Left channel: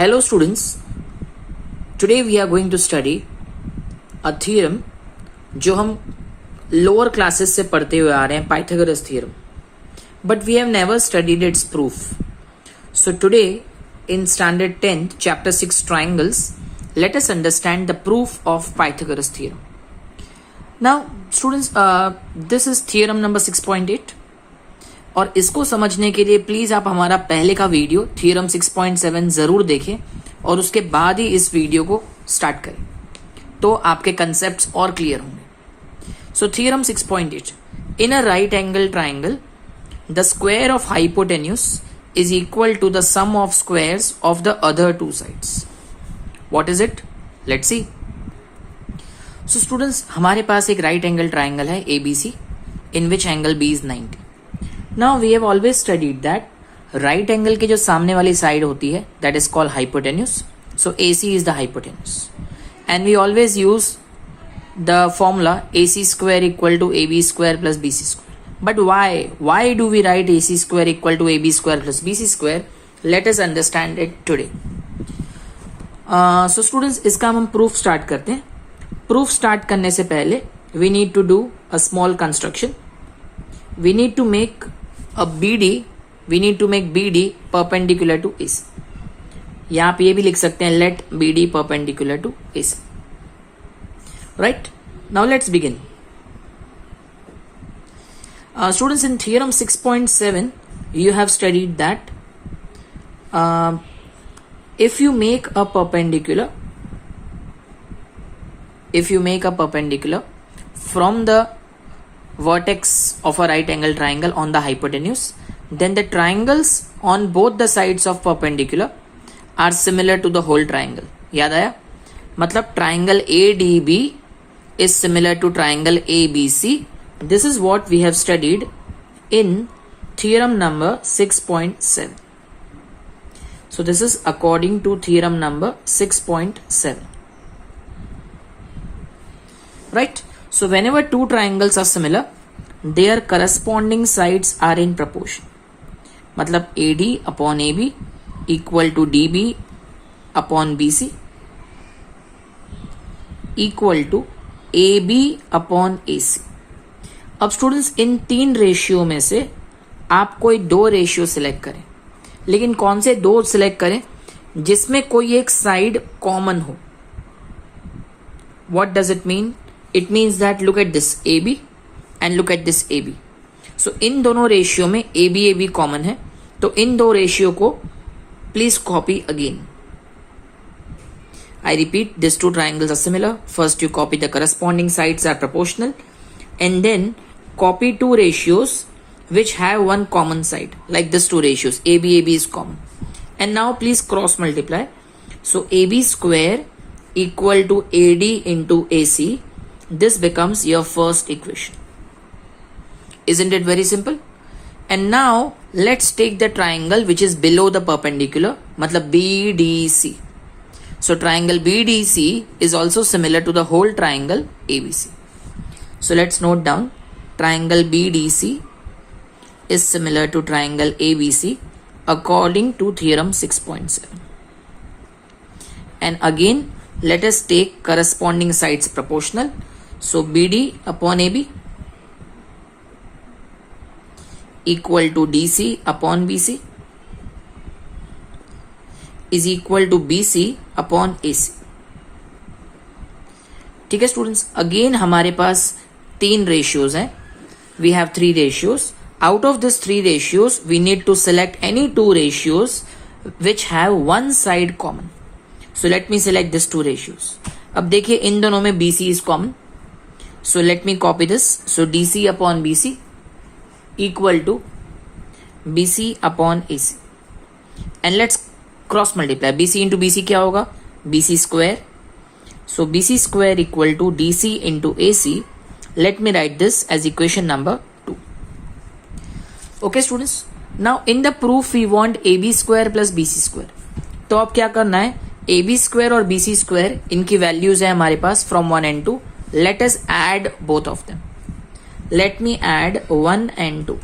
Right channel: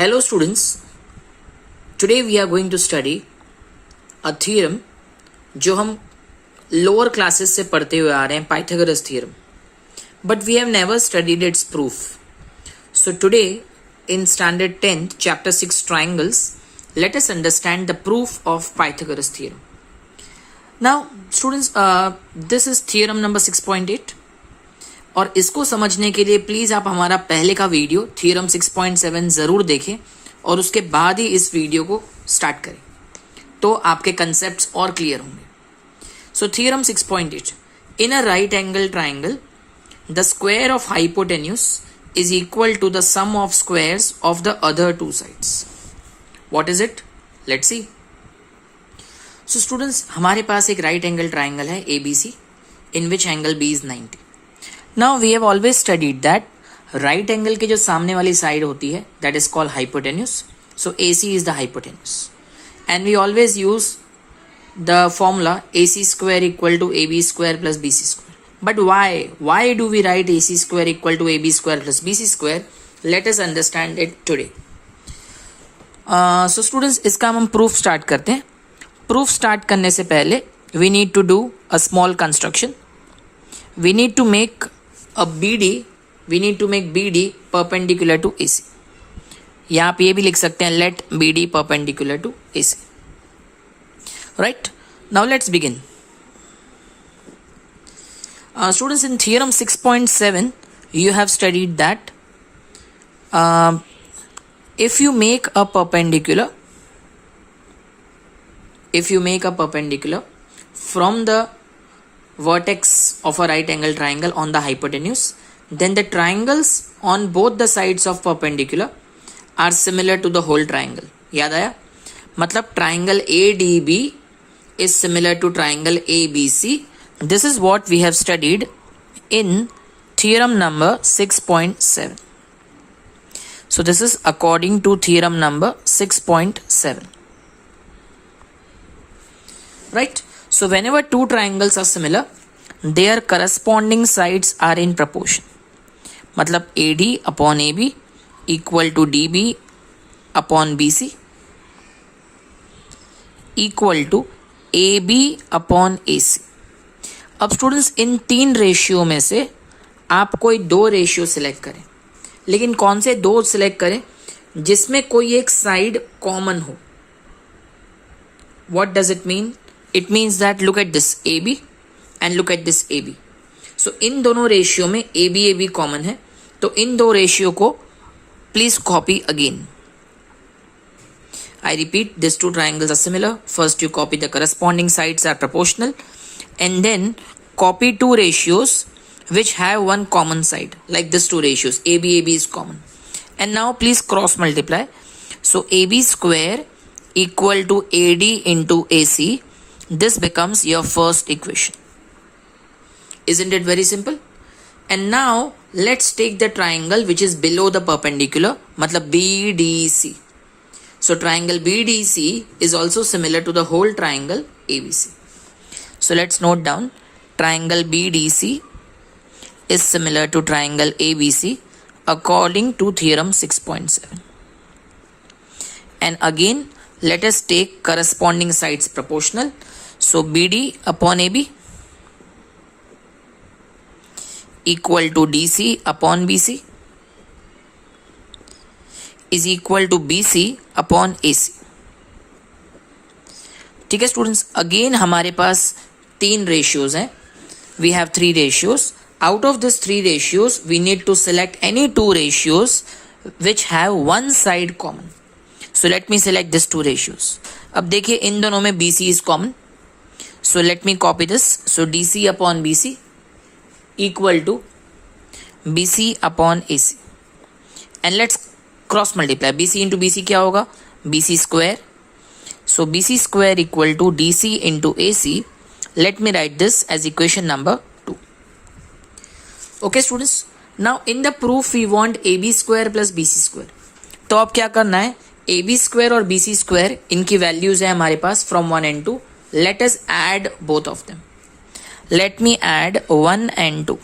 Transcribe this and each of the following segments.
Hello students, today we are going to study a theorem जो हम lower classes से पढ़ते हुए आ रहे हैं, Pythagoras theorem, but we have never studied its proof. So today in standard 10th chapter 6 triangles, let us understand the proof of Pythagoras theorem. Now students, this is theorem number 6.8 और इसको समझने के लिए प्लीज आप हमारा पहले का video theorem 6.7 जरूर देखें और उसके बाद ही इस वीडियो को स्टार्ट करें, तो आपके कंसेप्ट्स और क्लियर होंगे. So theorem 6.8, in a right angle triangle the square of hypotenuse is equal to the sum of squares of the other two sides. What is it? Let's see. So students, हमारे पास एक right angle triangle है ABC in which angle B is 90. Now we have always studied that right angle के जो सामने वाली side होती है that is called hypotenuse. So AC is the hypotenuse and we always use the formula AC square equal to AB square plus BC square. But why do we write AC square equal to AB square plus BC square? Let us understand it today. So students, इसका हम proof start करते हैं. Proof start करने से पहले we need to do a small construction. We need to make a BD, we need to make BD perpendicular to AC. या आप ये भी लिख सकते हैं let BD perpendicular to AC. Right? Now let's begin. Students, in theorem 6.7 you have studied that if you make a perpendicular from the vertex of a right angle triangle on the hypotenuse, then the triangles on both the sides of perpendicular are similar to the whole triangle. याद आया? मतलब triangle ADB is similar to triangle ABC. This is what we have studied in theorem number 6.7. So this is according to theorem number 6.7. Right? So whenever two triangles are similar, their corresponding sides are in proportion. मतलब AD upon AB equal to DB upon BC equal to AB upon AC. अब students, इन तीन ratio में से आप कोई दो ratio select करें, लेकिन कौन से दो सिलेक्ट करें जिसमें कोई एक साइड कॉमन हो. What does it mean? It means that look at this AB and look at this AB. So इन दोनों रेशियो में AB कॉमन है, तो इन दो रेशियो को please copy again. I repeat, these two triangles are similar. First you copy the corresponding sides are proportional and then copy two ratios which have one common side, like this two ratios. AB is common. And now please cross multiply. So AB square equal to AD into AC. This becomes your first equation. Isn't it very simple? And now let's take the triangle which is below the perpendicular, matlab BDC. So triangle BDC is also similar to the whole triangle ABC. So let's note down, triangle BDC is similar to triangle ABC according to theorem 6.7. And again, let us take corresponding sides proportional. So BD upon AB equal to DC upon BC is equal to BC upon AC. ठीक है students, again हमारे पास तीन ratios हैं. We have three ratios. Out of this three ratios we need to select any two ratios which have one side common. So let me select this two ratios. अब देखिए, इन दोनों में BC is common. So let me copy this. So DC upon BC equal to BC upon AC. And let's cross multiply. BC into BC क्या होगा? BC square. So BC square equal to DC into AC. Let me write this as equation number 2. Okay students. Now in the proof we want AB square plus BC square. तो अब क्या करना है? AB square और BC square इनकी values है हमारे पास from 1 and 2. Let us add both of them. Let me add 1 and 2.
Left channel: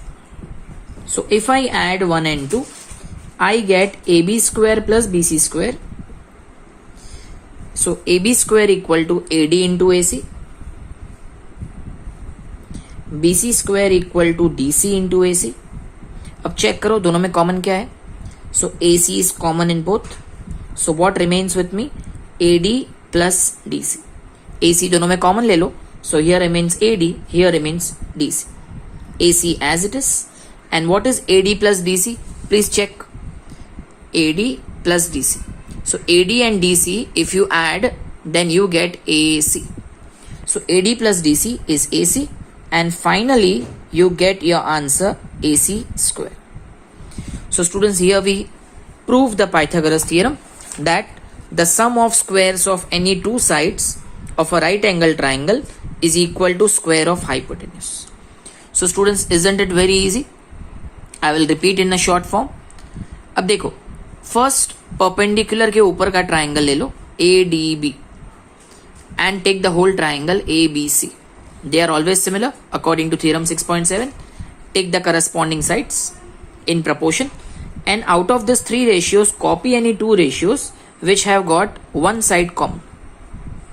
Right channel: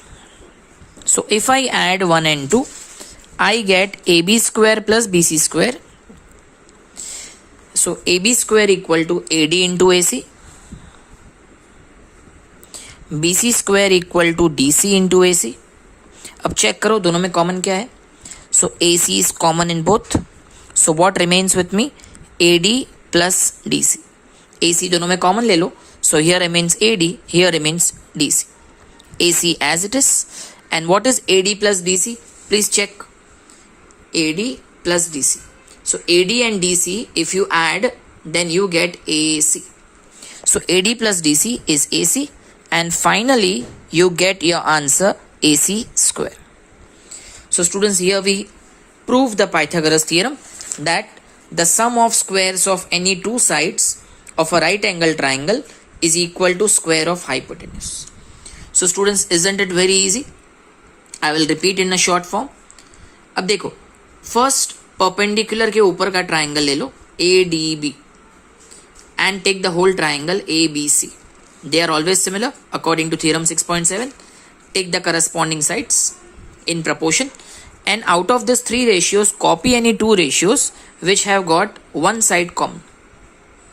So if I add 1 and 2, I get AB square plus BC square. So AB square equal to AD into AC. BC square equal to DC into AC. अब check करो दोनों में common क्या है. So AC is common in both. So what remains with me? AD plus DC. AC दोनों में common ले लो. So here remains AD, here remains DC. AC as it is. And what is AD plus DC? Please check. AD plus DC. So AD and DC, if you add, then you get AC. So AD plus DC is AC. And finally, you get your answer AC square. So students, here we prove the Pythagoras theorem that the sum of squares of any two sides of a right angle triangle is equal to square of hypotenuse. So students, isn't it very easy? I will repeat in a short form. अब देखो, first perpendicular के ऊपर का triangle ले लो ADB and take the whole triangle ABC. They are always similar according to theorem 6.7. Take the corresponding sides in proportion, and out of these three ratios, copy any two ratios which have got one side common.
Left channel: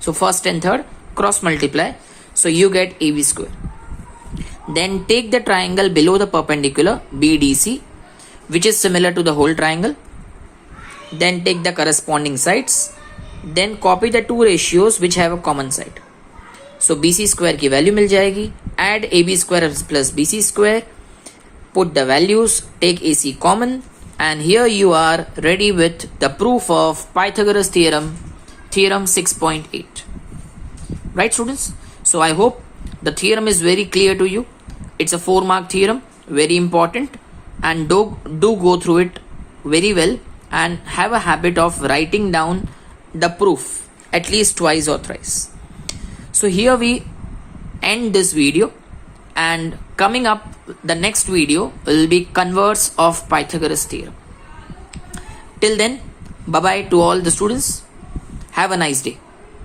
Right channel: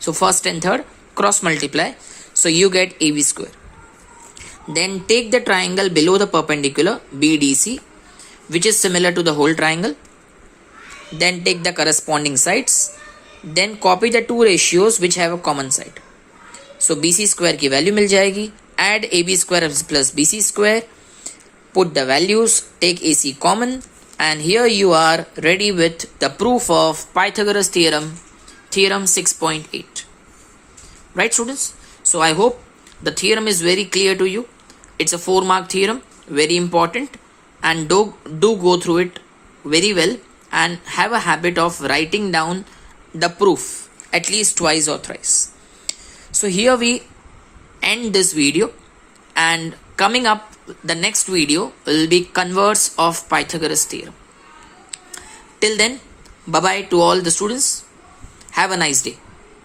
So first and third cross multiply, so you get AB square. Then take the triangle below the perpendicular BDC, which is similar to the whole triangle. Then take the corresponding sides. Then copy the two ratios which have a common side. So BC square की value मिल जाएगी. Add AB square plus BC square. Put the values. Take AC common. And here you are ready with the proof of Pythagoras theorem, theorem 6.8. Right, students? So I hope the theorem is very clear to you. It's a 4-mark theorem, very important, and do go through it very well and have a habit of writing down the proof at least twice or thrice. So here we end this video, and coming up the next video will be converse of Pythagoras theorem. Till then, bye bye to all the students. Have a nice day.